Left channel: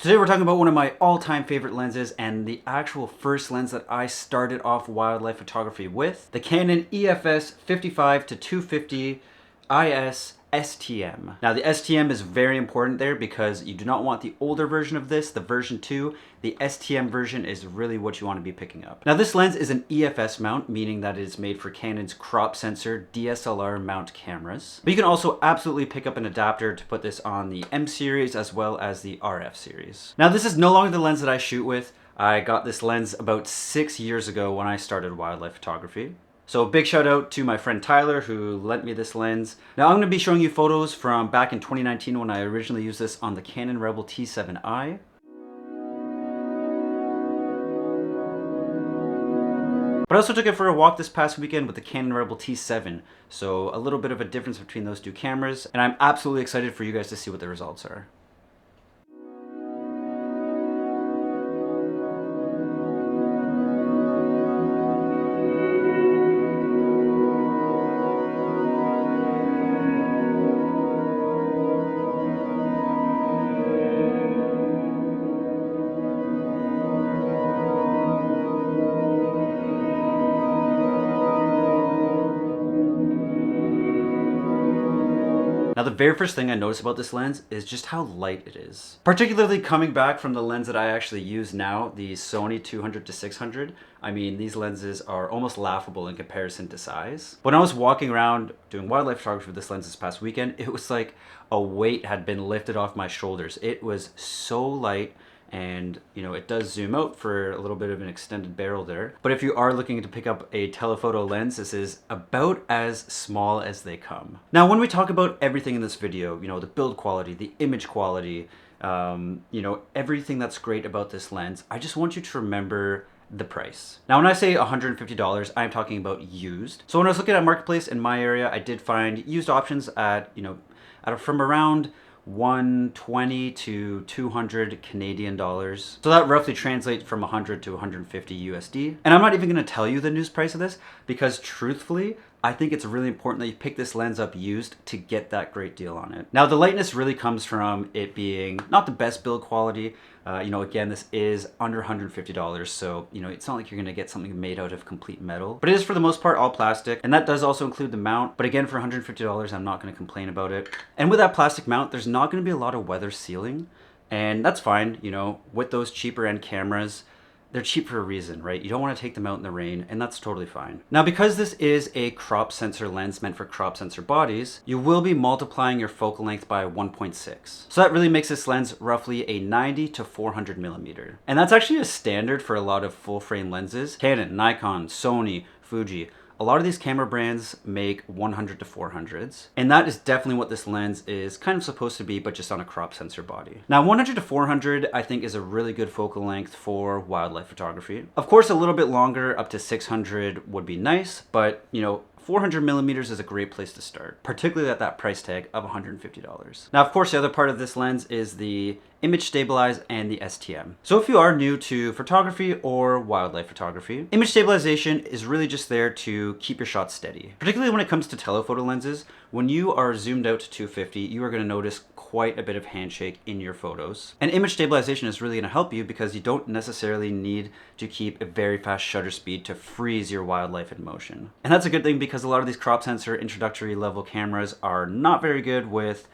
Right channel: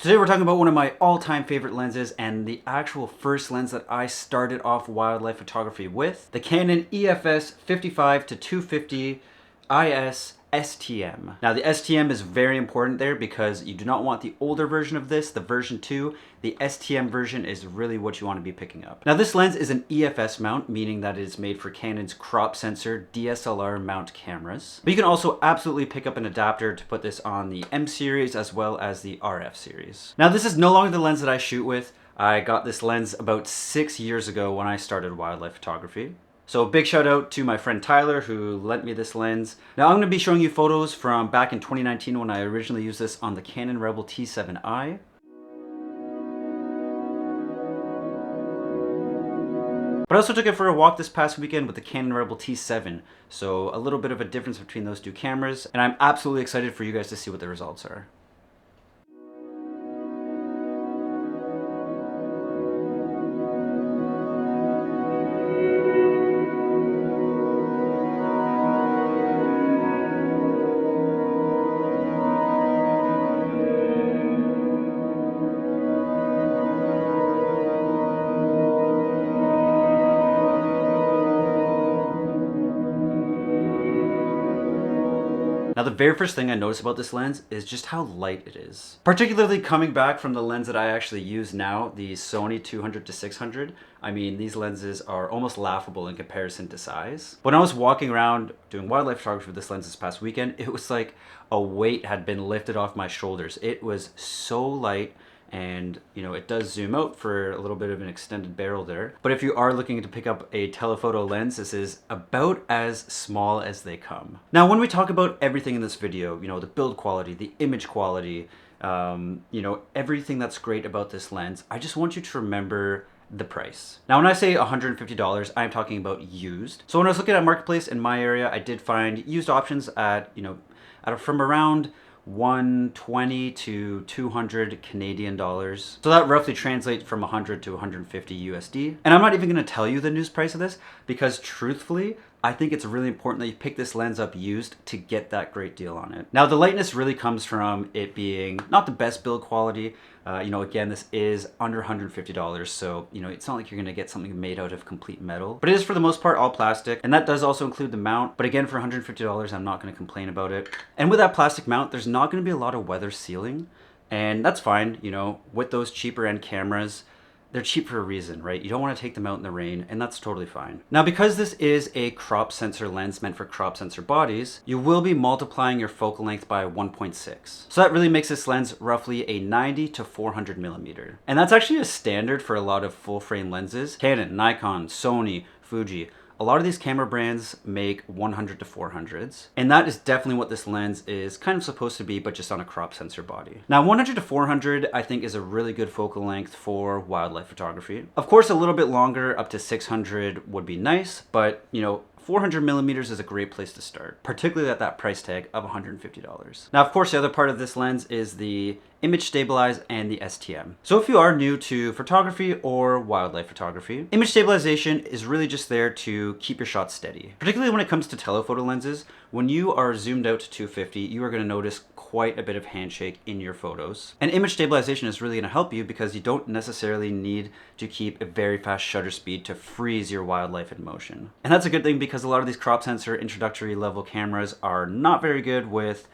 Today we're talking about one of my all-time favorite lenses and the actual first lens that I started off wildlife photography with, the Canon EF-S 55 to 250 IS STM. Now the STM is very important there because you do not want the older version of this, the version 2. The STM version is really what you want to be picking up. Now this lens is an EF-S mount, meaning that it is made for Canon's crop sensor DSLR mount cameras. But you can also absolutely pick up an adapter to put this on the M series as well as the RF series. Now this is no longer the lens that I shoot with. I got this lens about 6 years ago when I started wildlife photography. So big shout out to my friend Tyler who lent me this lens. Now I'm going to be showing you photos from back in 2019 when I originally used this on the Canon Rebel T7i. But I also took it for a walk this past weekend with the Canon Rebel T7. So a little bit of a difference between those two cameras, and I'm absolutely excited for you guys to see what the results are. Now the very first thing I noticed about this lens is just how light it is. Particularly coming back from the lens that I actually use now, the Sony 200 to 600. I mean, these lenses are almost laughable in comparison to size. When I was walking around doing wildlife photography with this lens this past weekend, it was like a weight had been lifted off my shoulders. It was so light. And you know, it does zoom out for a little bit of an extended barrel there. But if you are looking to pick up a telephoto lens, this is about as small as they come. Now, when we talk about everything in this video, you know, the build quality, the image quality, you know, everything that's great about this lens, I just want you to remember the price. Now, when I say $150, I'm talking about used. So when I was looking at Marketplace in my area, I did find used options at, you know, from around 120 to 200 Canadian dollars. So that roughly translates from 100 to 150 USD. And I'm not even going to tell you the news price of this because truthfully, I think it's really important that you pick this lens up used to get that great deal on it. Now the lightness really comes from it being not the best build quality. You know, again, this is under $150, so you know, it's not like you're gonna get something made out of complete metal, but it is for the most part all plastic, and that does also include the mount. But again, for $150, I'm not gonna complain about it. And with that plastic mount, there's not gonna be a lot of weather sealing, and that's fine. You know, with those cheaper end cameras, they're cheap for a reason, right? You don't want to take them out in the rain, and that's totally fine. Now, because this is a crop sensor lens meant for crop sensor bodies, you will be multiplying your focal length by 1.6. So that really makes this lens roughly a 90 to 400 millimeter. And that's actually a standard for a lot of full frame lenses. Canon, Nikon, Sony, Fuji. A lot of these camera brands make 100 to 400s, and that is definitely what this lens is kind of supposed to be, but just on a crop sensor body. Now 100 to 400 I think is a really good focal length for wildlife photography. Of course, a little bit longer, up to 600 would be nice, but you know, 400 millimeters is a great place to start, particularly at that price tag of $150. Now, of course, the other part of this lens is the image stabilize and the STM. So if you are new to photography or wildlife photography, image stabilization is really just there to keep your shots steady. Particularly when it comes to telephoto lenses, when you are zoomed out to 250, you are going to notice quite a bit of handshake in your photos. And image stabilization is really going to help you because you don't necessarily need to keep a very fast shutter speed to freeze your wildlife in motion. And that's a good thing because a lot of these crop sensor introductory level cameras are not very good with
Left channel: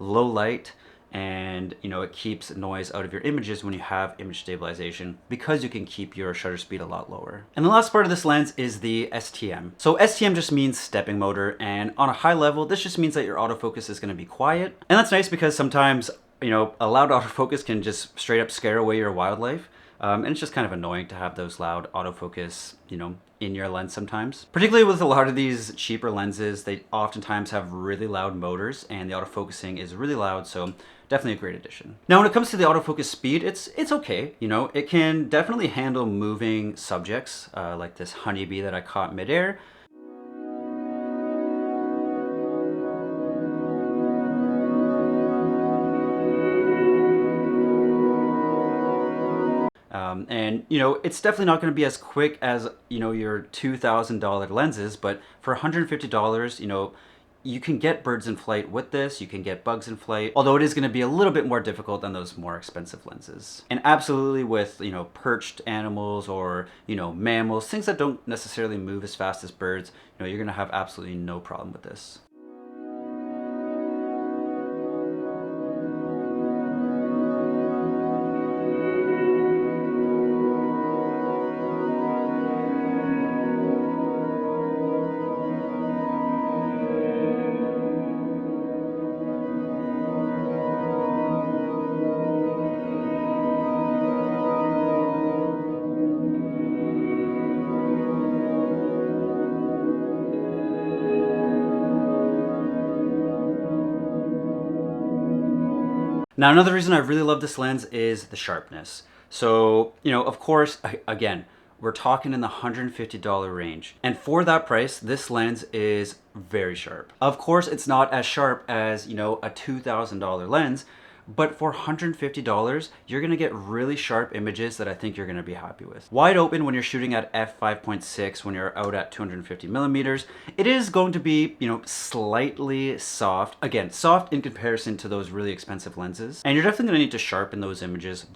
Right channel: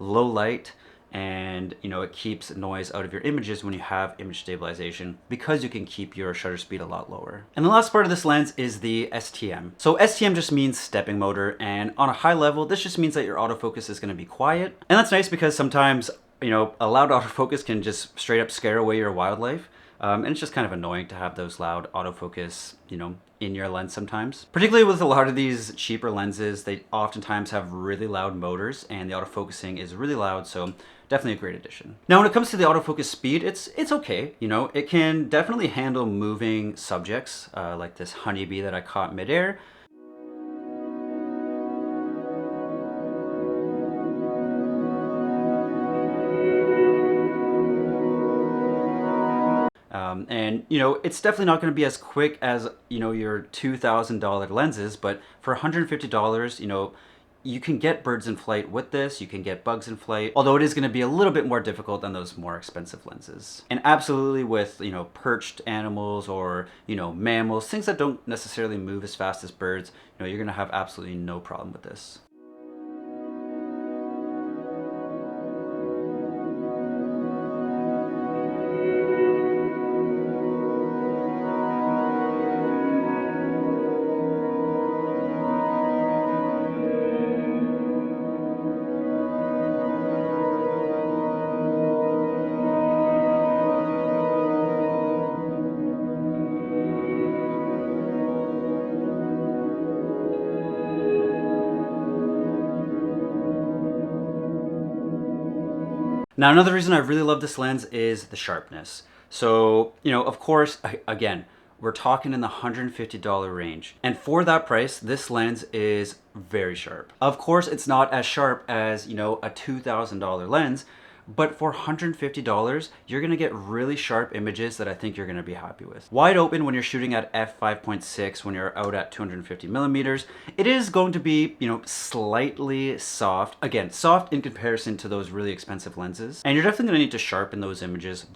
low light, and you know, it keeps noise out of your images when you have image stabilization because you can keep your shutter speed a lot lower. And the last part of this lens is the STM. So STM just means stepping motor, and on a high level, this just means that your autofocus is going to be quiet. And that's nice because sometimes, you know, a loud autofocus can just straight up scare away your wildlife. And it's just kind of annoying to have those loud autofocus, you know, in your lens sometimes. Particularly with a lot of these cheaper lenses, they oftentimes have really loud motors and the autofocusing is really loud, so definitely a great addition. Now when it comes to the autofocus speed, it's okay. You know, it can definitely handle moving subjects like this honeybee that I caught midair. And you know, it's definitely not going to be as quick as, you know, your $2,000 lenses, but for $150, you know, you can get birds in flight with this, you can get bugs in flight, although it is going to be a little bit more difficult than those more expensive lenses. And absolutely with, perched animals or, mammals, things that don't necessarily move as fast as birds, you're going to have absolutely no problem with this. Now, another reason I really love this lens is the sharpness. So, of course, again, we're talking in the $150 range. And for that price, this lens is very sharp. Of course, it's not as sharp as, a $2,000 lens, but for $150, you're gonna get really sharp images that I think you're gonna be happy with. Wide open when you're shooting at f5.6, when you're out at 250 millimeters, it is going to be, slightly soft. Again, soft in comparison to those really expensive lenses. And you're definitely gonna need to sharpen those images.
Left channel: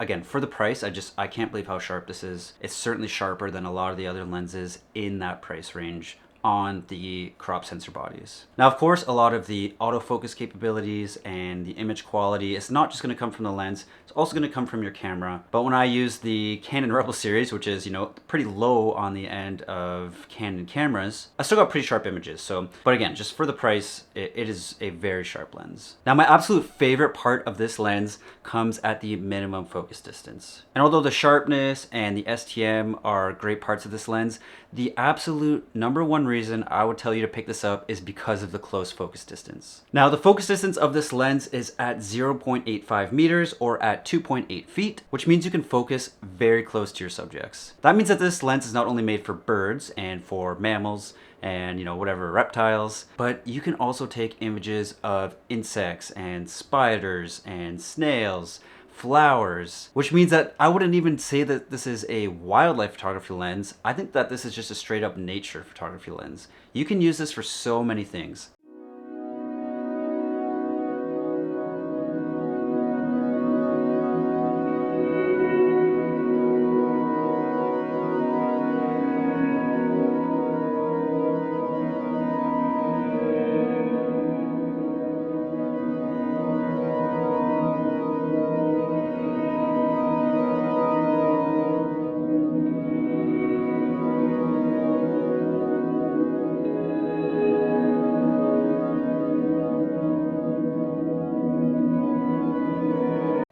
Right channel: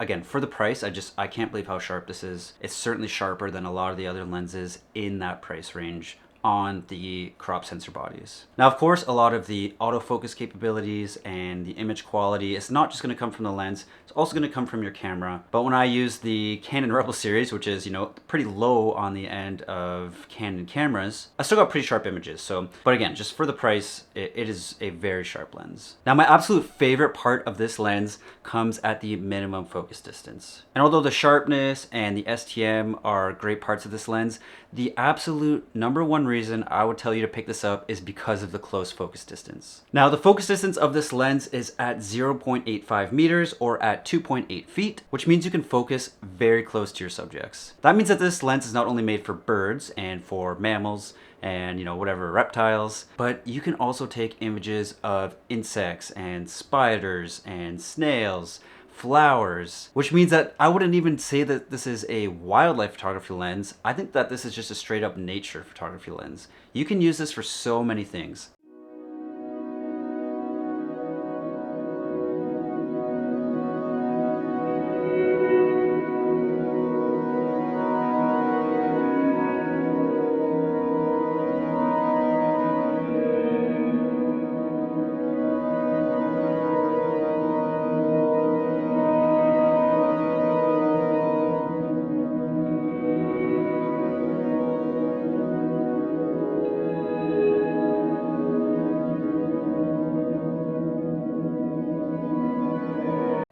Again, for the price, I can't believe how sharp this is. It's certainly sharper than a lot of the other lenses in that price range on the crop sensor bodies. Now, of course, a lot of the autofocus capabilities and the image quality is not just gonna come from the lens, it's also gonna come from your camera. But when I use the Canon Rebel series, which is, pretty low on the end of Canon cameras, I still got pretty sharp images. But again, just for the price, it is a very sharp lens. Now, my absolute favorite part of this lens comes at the minimum focus distance. And although the sharpness and the STM are great parts of this lens, the absolute number one reason I would tell you to pick this up is because of the close focus distance. Now, the focus distance of this lens is at 0.85 meters or at 2.8 feet, which means you can focus very close to your subjects. That means that this lens is not only made for birds and for mammals and whatever reptiles, but you can also take images of insects and spiders and snails, flowers, which means that I wouldn't even say that this is a wildlife photography lens. I think that this is just a straight up nature photography lens. You can use this for so many things.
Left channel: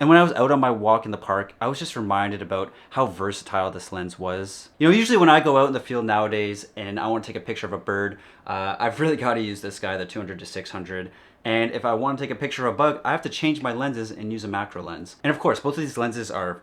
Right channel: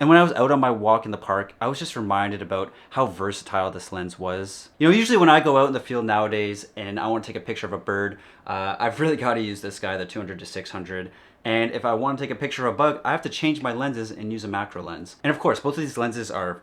And when I was out on my walk in the park, I was just reminded about how versatile this lens was. Usually when I go out in the field nowadays and I want to take a picture of a bird, I've really got to use this guy, the 200 to 600. And if I want to take a picture of a bug, I have to change my lenses and use a macro lens. And of course, both of these lenses are,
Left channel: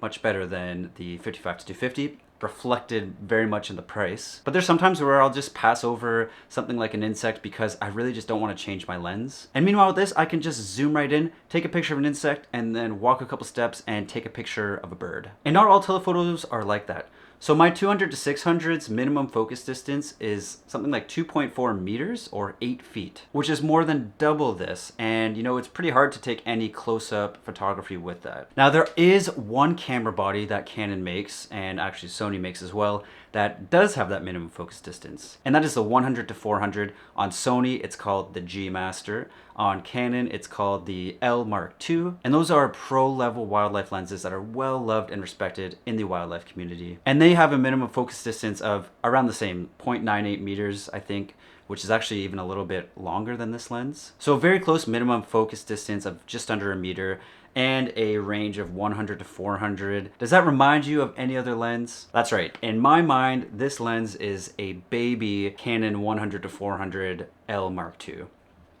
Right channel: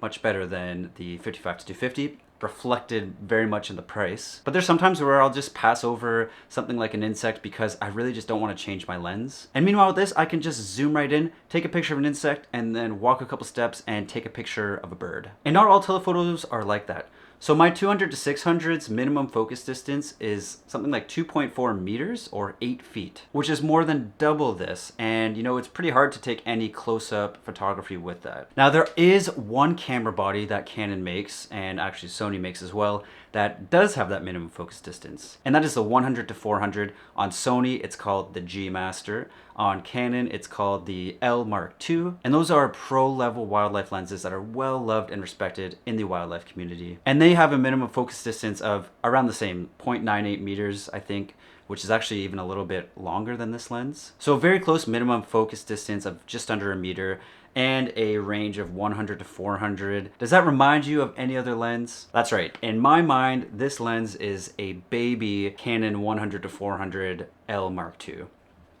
much better than the 55 to 250. Reflected very much in the price. But there's sometimes where I'll just pass over something like an insect because I really just don't want to change my lens. And meanwhile with this, I can just zoom right in, take a picture of an insect, and then walk a couple steps and take a picture of a bird. And not all telephotos are like that. So my 200 to 600's minimum focus distance is something like 2.4 meters or 8 feet, which is more than double this. And it's pretty hard to take any close-up photography with that. Now there is one camera body that Canon makes, and actually Sony makes as well, that does have that minimum focus distance. And that is the 100 to 400. On Sony, it's called the G Master. On Canon, it's called the L Mark II. And those are pro-level wildlife lenses that are well loved and respected in the wildlife community. And they have a minimum focus distance of around the same 0.98 meters, I think, which is actually even a little bit longer than this lens. So a very close minimum focus distance of just under a meter and a range of 100 to 400. Does that remind you of any other lens? That's right. In my mind, this lens is a baby Canon 100 to 400 L Mark II.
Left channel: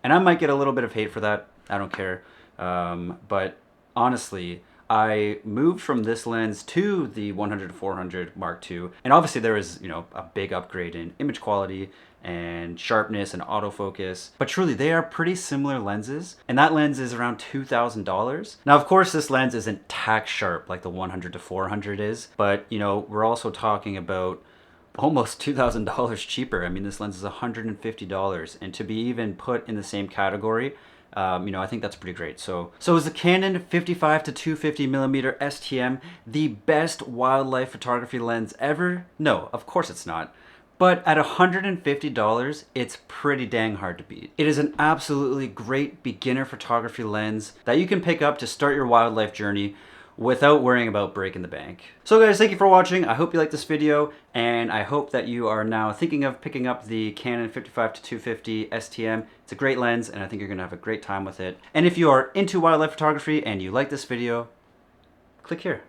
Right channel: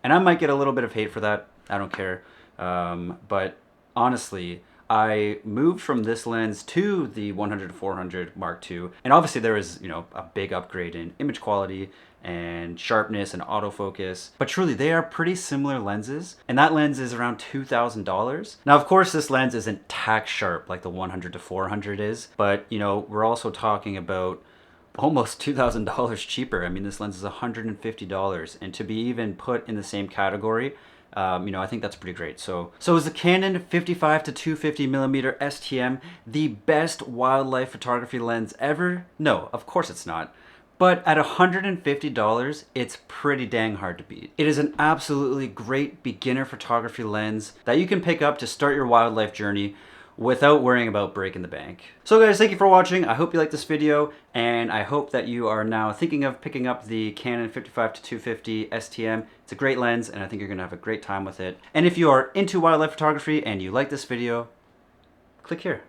And I might get a little bit of hate for that. I don't care. But honestly, I moved from this lens to the 100 to 400 Mark II. And obviously there is, a big upgrade in image quality and sharpness and autofocus. But truly, they are pretty similar lenses. And that lens is around $2,000. Now, of course, this lens isn't tack sharp like the 100 to 400 is. But, we're also talking about almost $2,000 cheaper. I mean, this lens is $150, and to be even put in the same category, I think that's pretty great. So is the Canon 55 to 250 millimeter STM the best wildlife photography lens ever? No, of course it's not. But at $150, it's pretty dang hard to beat. It is an absolutely great beginner photography lens that you can pick up to start your wildlife journey without worrying about breaking the bank. So guys, thank you for watching. I hope you liked this video, and I hope that you are now thinking of picking up the Canon 55 to 250 STM. It's a great lens, and I think you're gonna have a great time with it. And if you are into wildlife photography and you like this video, click here.